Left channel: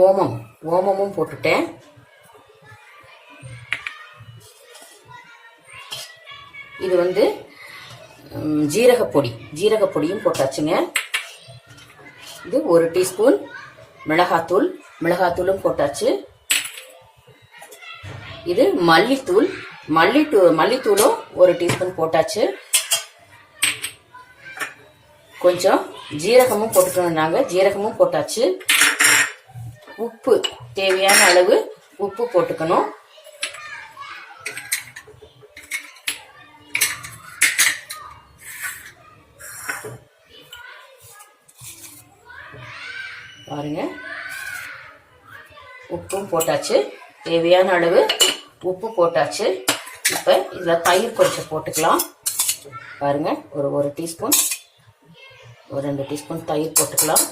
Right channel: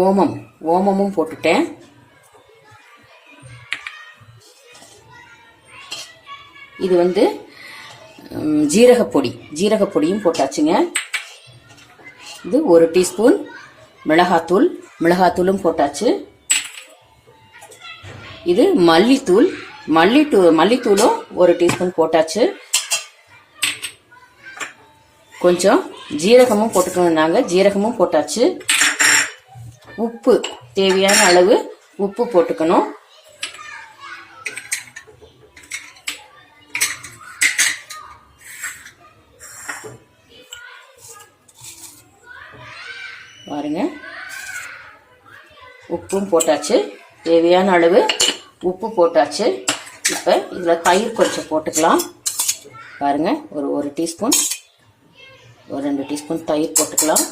ஓமமும் போட்டுட்டேன். இது ஜீரகப்பொடியும் போட்டாச்சுங்க. இது 1 டீஸ்பூன் மிளகாத்தூளும் போட்டாச்சு. இது மல்லித்தூளும் 1 டீஸ்பூன் போட்டாச்சு. கொஞ்சம் ஜீரகமும் போட்டுக்கணும்னாங்க, ஜீரகமும் போட்டாச்சு. உப்பு தேவையான அளவு உப்பு போட்டுக்கணும். பாருங்க, உப்பும் போட்டாச்சு, தேவையான அளவு உப்பு போட்டாச்சு. இப்ப இதுல தயிர் கொஞ்சம் போட்டுக்கலாம். பாருங்க, ஒரு 2 டீஸ்பூன் தயிர் போட்டுக்கலாம்.